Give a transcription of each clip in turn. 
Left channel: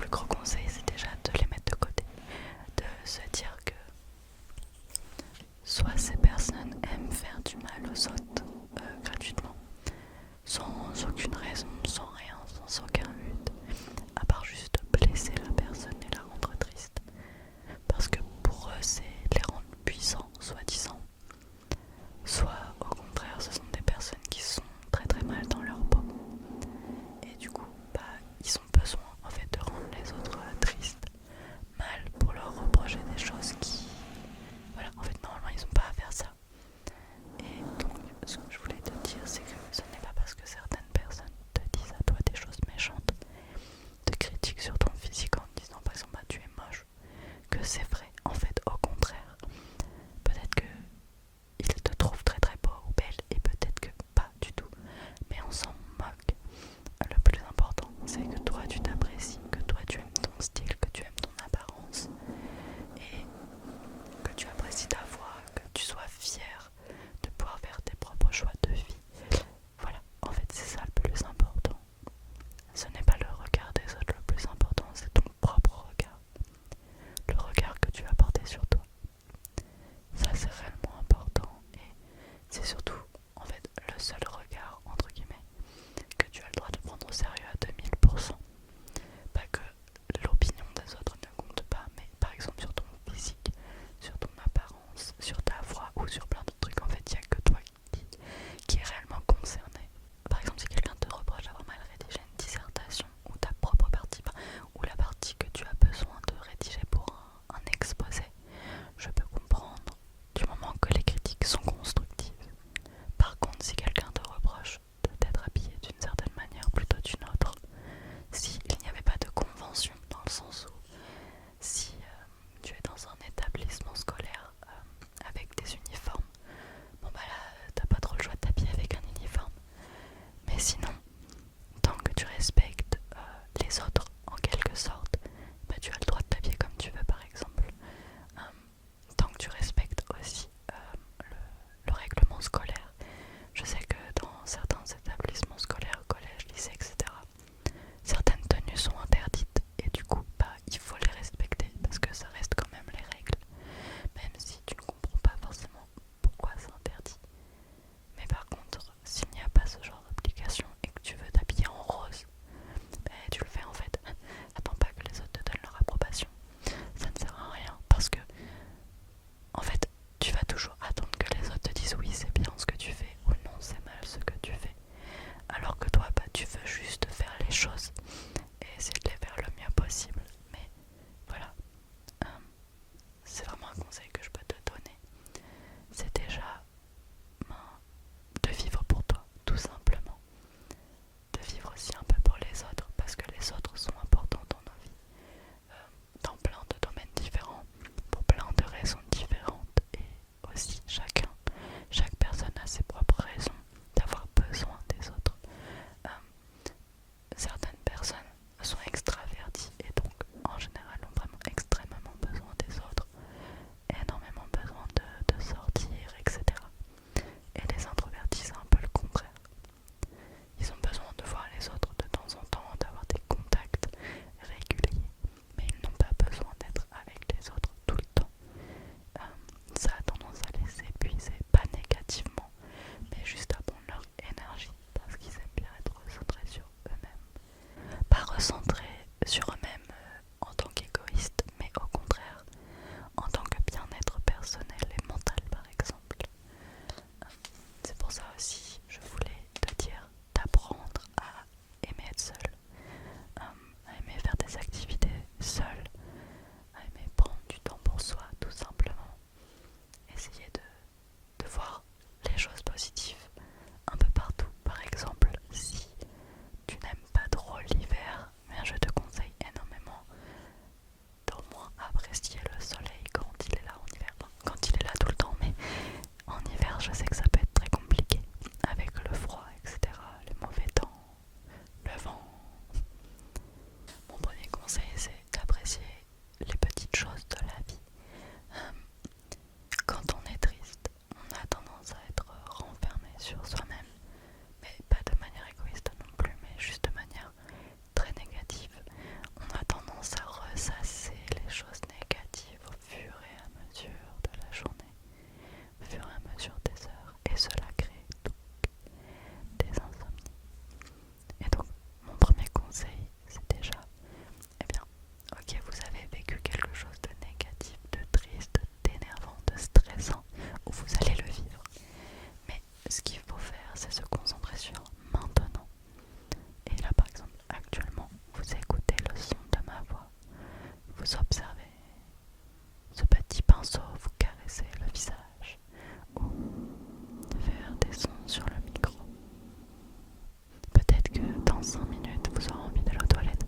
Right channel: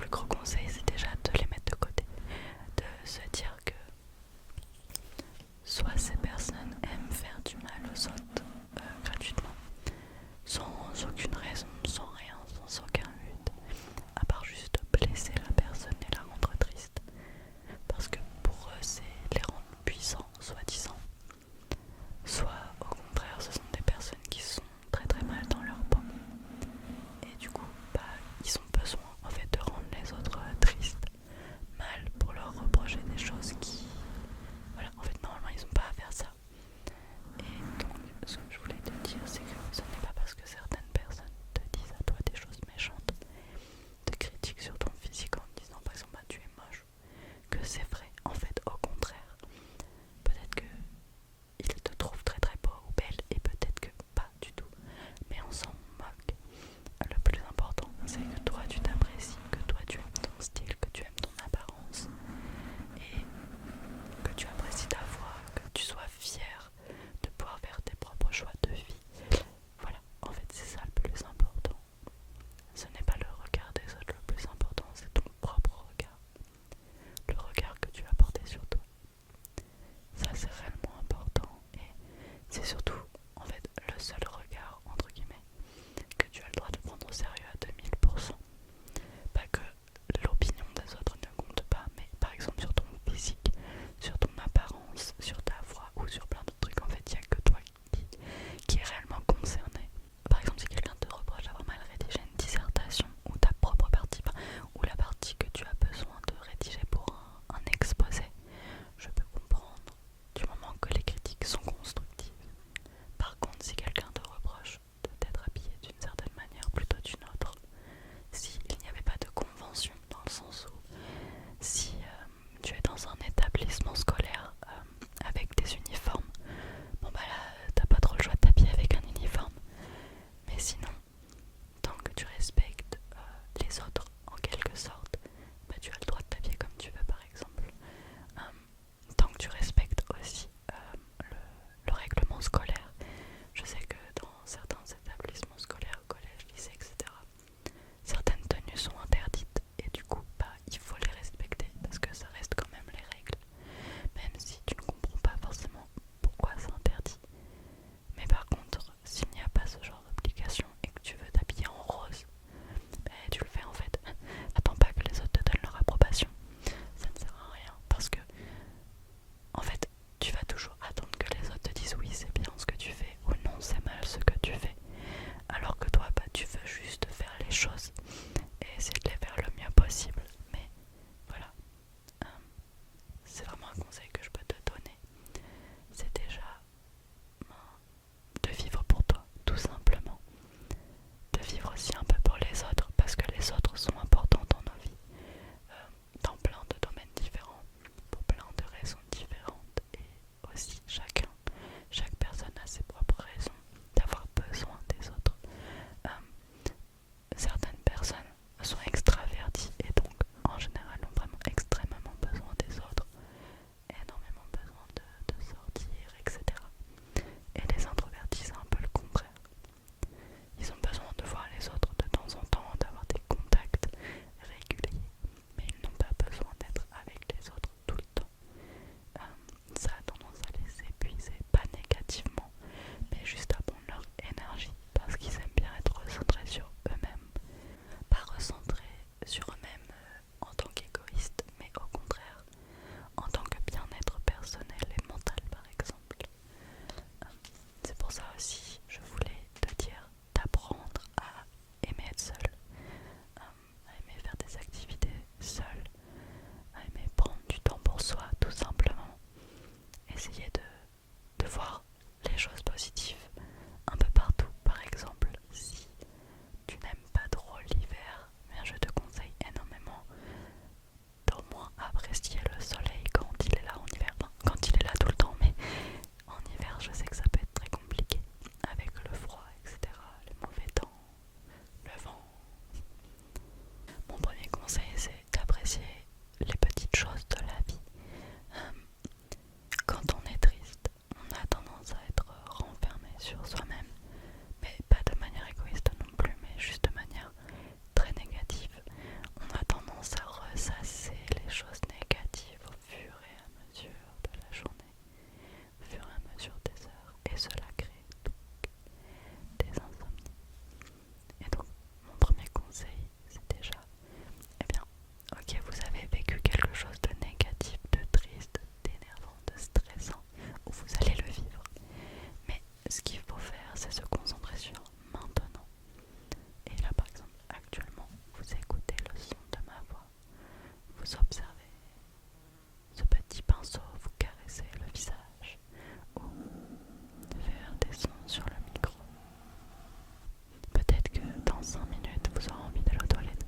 plus gros conseil, c'est déjà de les mettre de côté, de se dire que soit ces personnes aiment faire du mal aux autres gratuitement, sans aucune raison, sans rien, sans aucun but, à part juste blesser la personne et la rendre triste. Parce que pour eux, c'est les rendre puissants, soi-disant. Soit au contraire, ce sont des personnes qui sont très très mal dans leur peau. Et du coup, ils ont besoin en fait de rendre les autres tristes, mal, pour leur reprocher des choses vous observez, ce petit pinceau vous caresser le visage ou faire des sons sur le micro. Peut-être que dans 5 minutes vous aurez envie d'aller aux toilettes.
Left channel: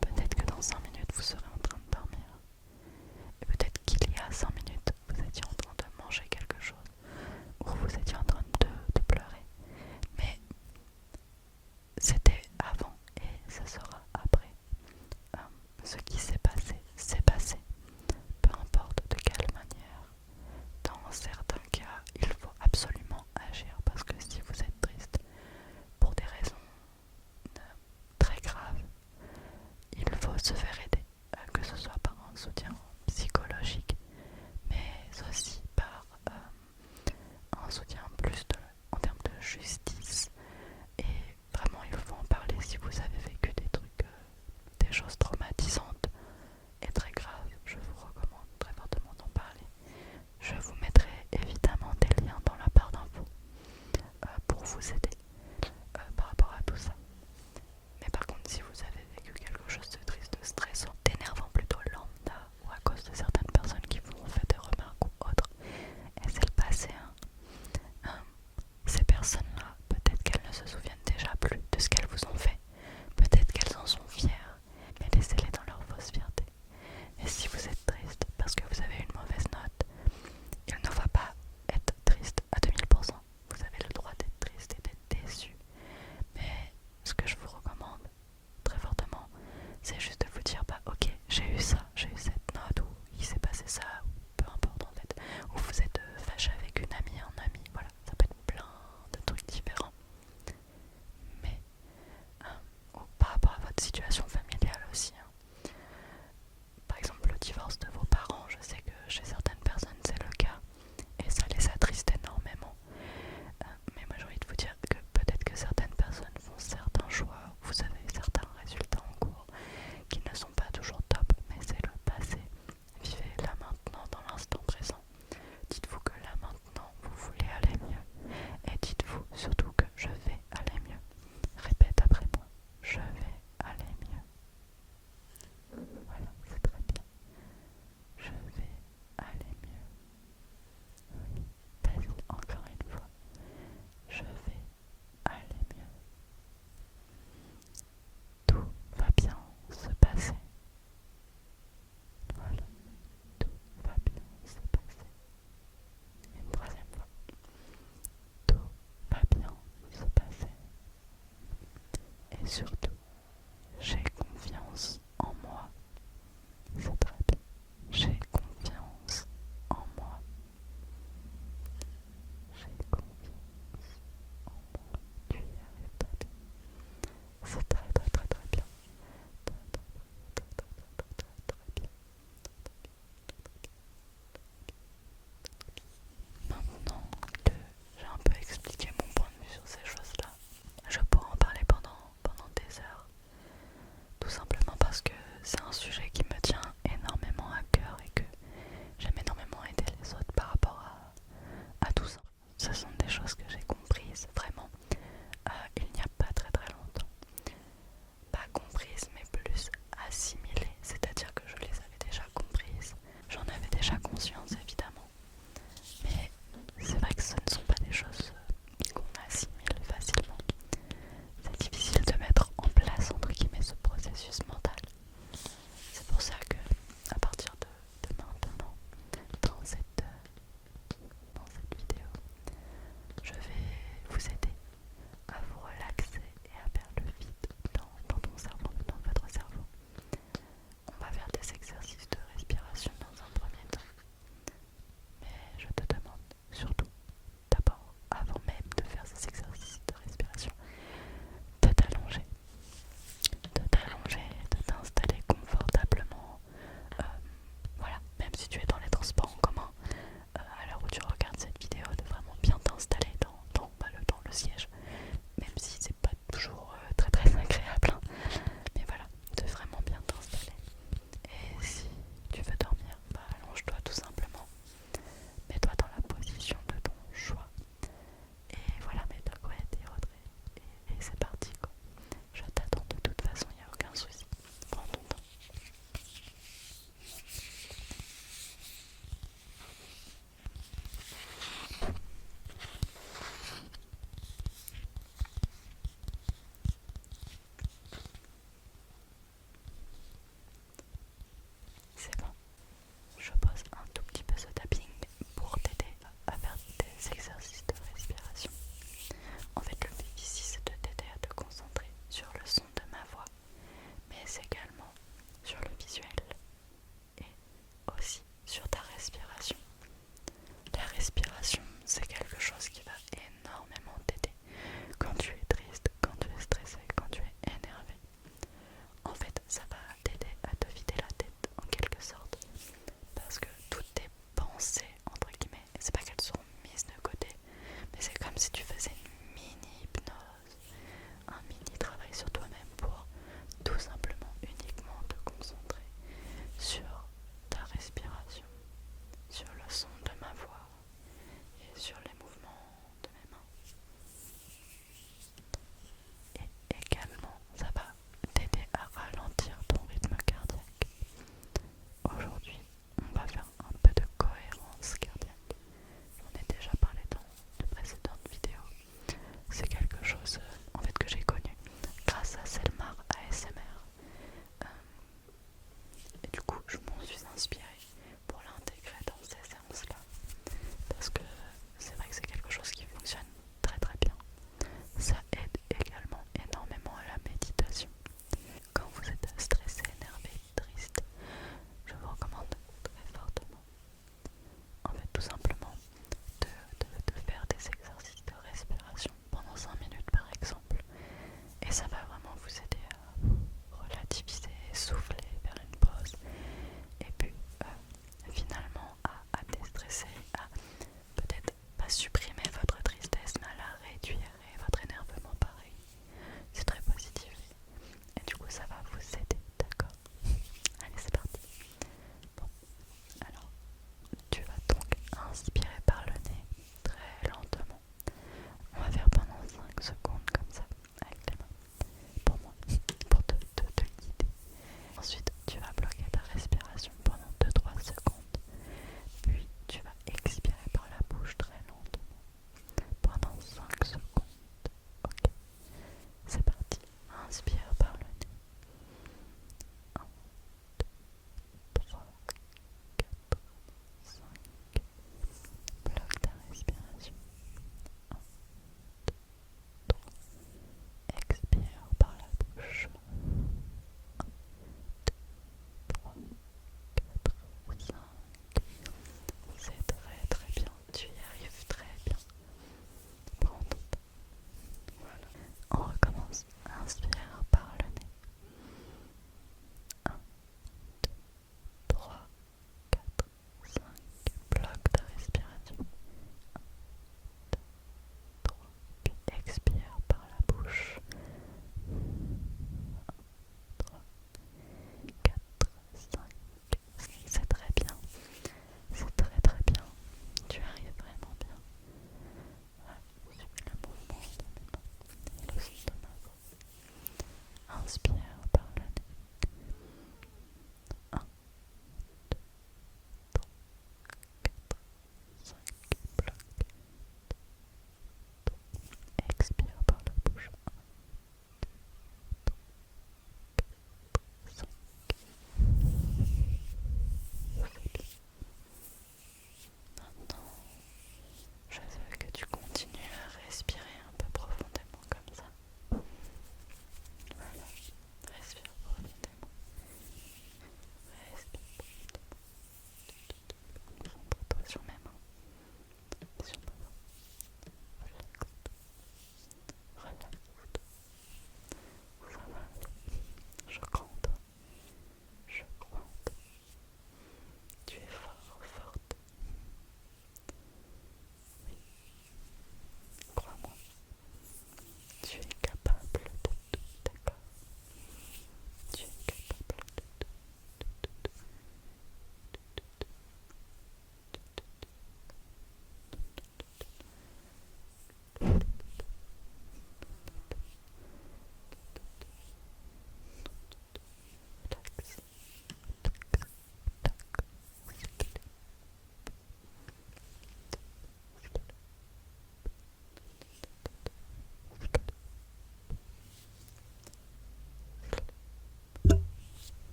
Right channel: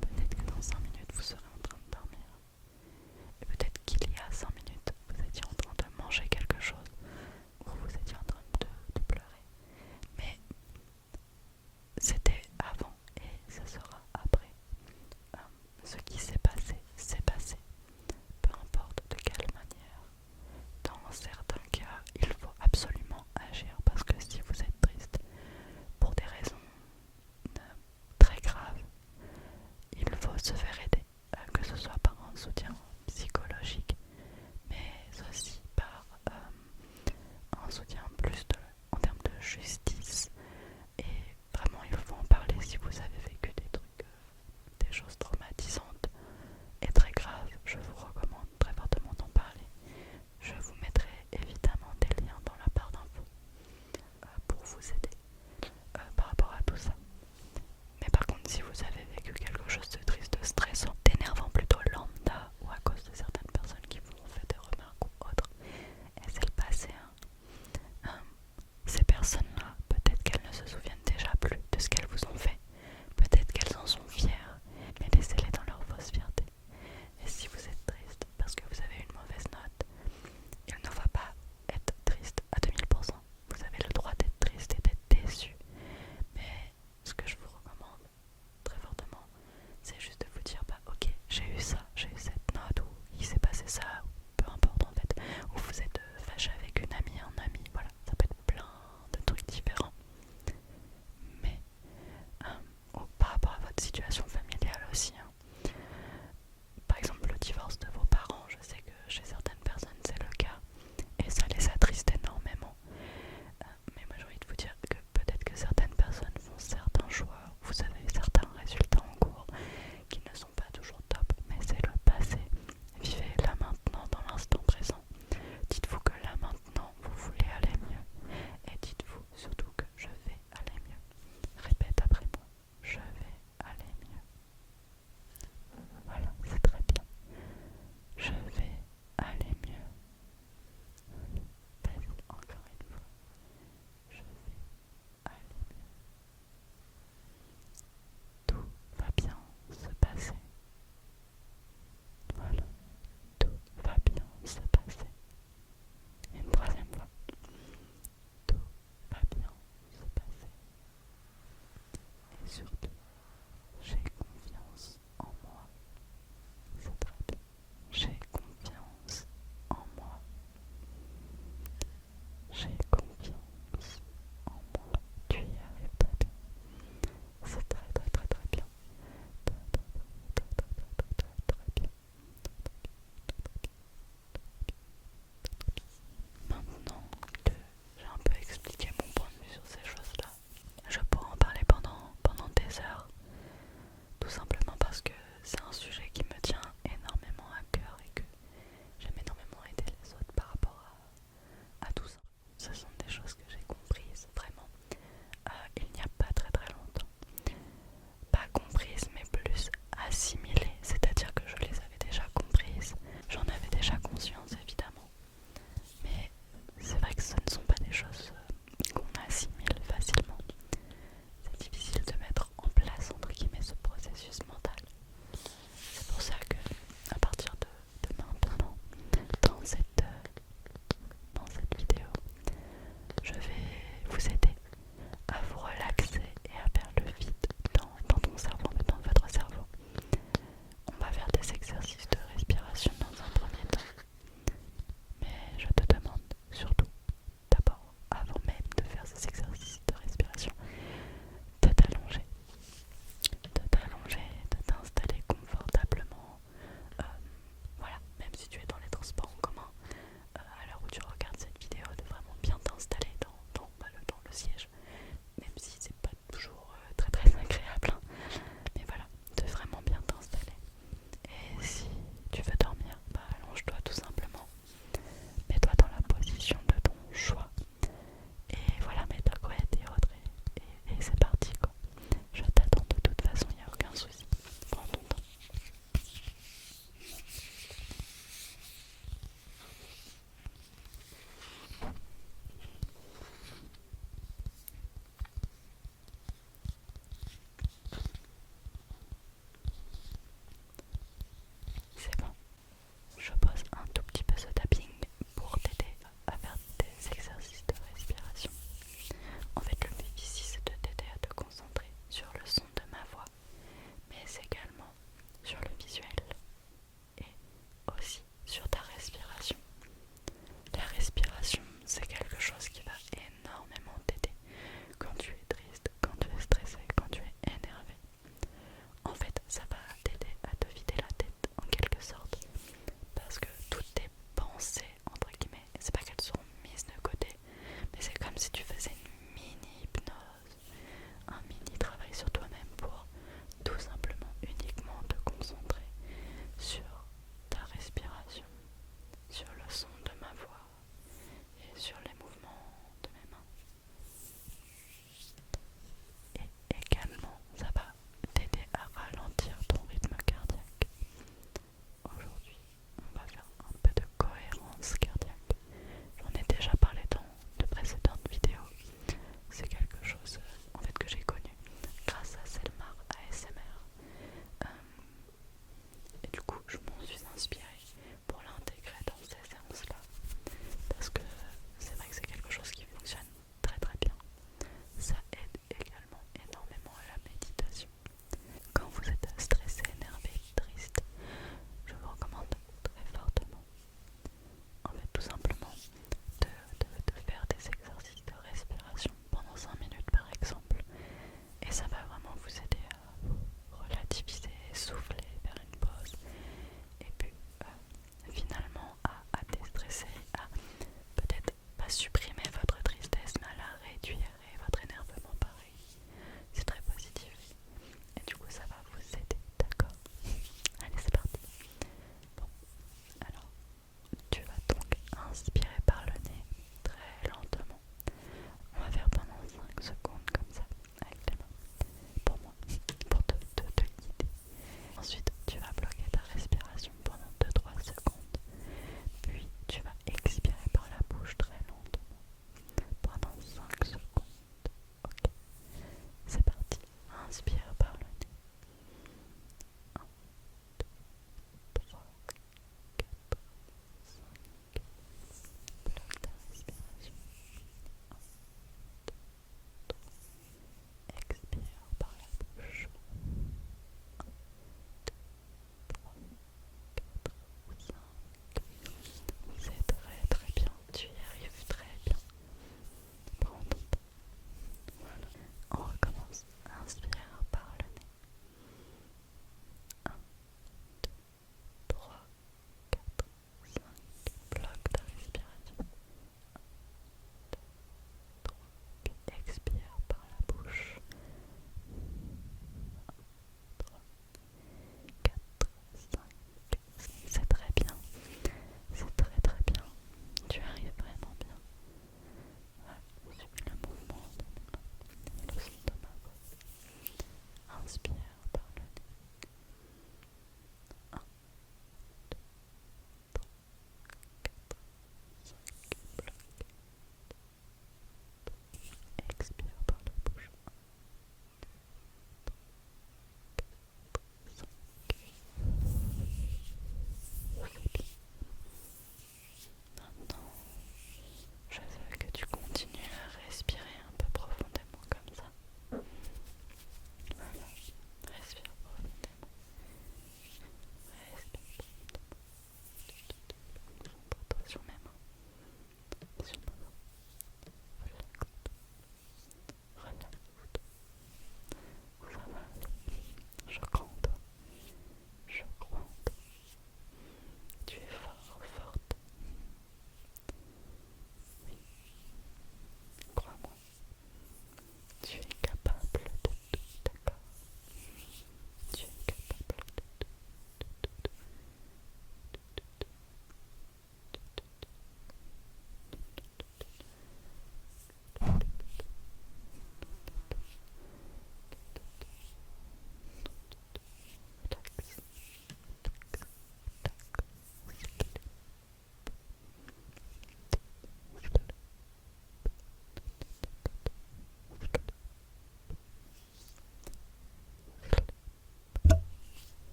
Peut-être que dans 5 minutes vous serez en train de dormir. Et peut-être qu'il y a 5 minutes vous étiez en train de manger quelque chose ou vous étiez en train de pleurer. Mais c'était avant et ce sera après. Ce qui s'est passé, c'est passé. Peu importe de quelle manière. Dans certains cas, il faut absolument agir parce que si vous êtes triste pour des raisons très graves, il faut se faire aider, que ce soit par un soutien psychologique, mais aussi par un soutien plus en termes de justice. Et vraiment, il faut en parler si vous avez vécu des trucs, des choses traumatisantes et très graves. Je vous recommande très fortement d'en parler. Je vous mettrai évidemment des liens dans la barre d'infos pour vous aider par rapport à tout ça. Mais par contre, si vous avez vécu quelque chose de triste, de stressant, d'énervant plutôt lambda ou à cause de certaines personnes qui vous ont fait des remarques ou autres, et c'est le passé, ces personnes-là, peut-être qu'elles ne se souviennent déjà plus de ce qu'elles vous ont fait, peut-être qu'elles en sont fières, mais laissez-les dans leur fausse fierté. Et si vous êtes triste parce que vous avez une mauvaise note, il ne faut pas être triste à 2000%. Vous avez le droit d'être triste et d'être déçu. Mais ce que je vous recommande très fortement, c'est juste de vous dire bah ok, j'ai eu ça, j'ai eu cette note, ou il s'est passé ça, ou peu importe en fait, ou vous êtes fâché avec une amie, un ami, voilà, ça peut être plein de trucs différents. Mais par rapport à votre situation familiale aussi, par exemple le divorce de vos parents, je sais que chez certaines personnes c'est le cas, et ça les attriste énormément. Mais moi j'ai envie de vous dire que peut-être que certaines personnes font certains choix, vous avez certains résultats en cours qui ne sont pas toujours top, mais c'est le passé. Vivez là maintenant dans l'instant présent. Dites-vous que là maintenant vous voulez aller mieux, et dites-vous surtout que je vais aller mieux. Répète après moi, je vais aller mieux. Voilà, c'est très bien. Je vais aller mieux. Oui, vas-y, encore une fois. Je vais aller mieux. Tout va bien se passer. Voilà, tout va bien se passer. Une troisième fois. Tout va bien se passer. Et surtout, j'ai confiance en moi. C'est très bien. J'ai confiance en moi. J'ai confiance en moi. Tu y arrives très bien. C'est très très très très bien. Très très très très très très très très bien. Maintenant que j'ai un peu expliqué mon point de vue sur ces choses-là, je pourrais en parler pendant des heures. Tout simplement parce que c'est un sujet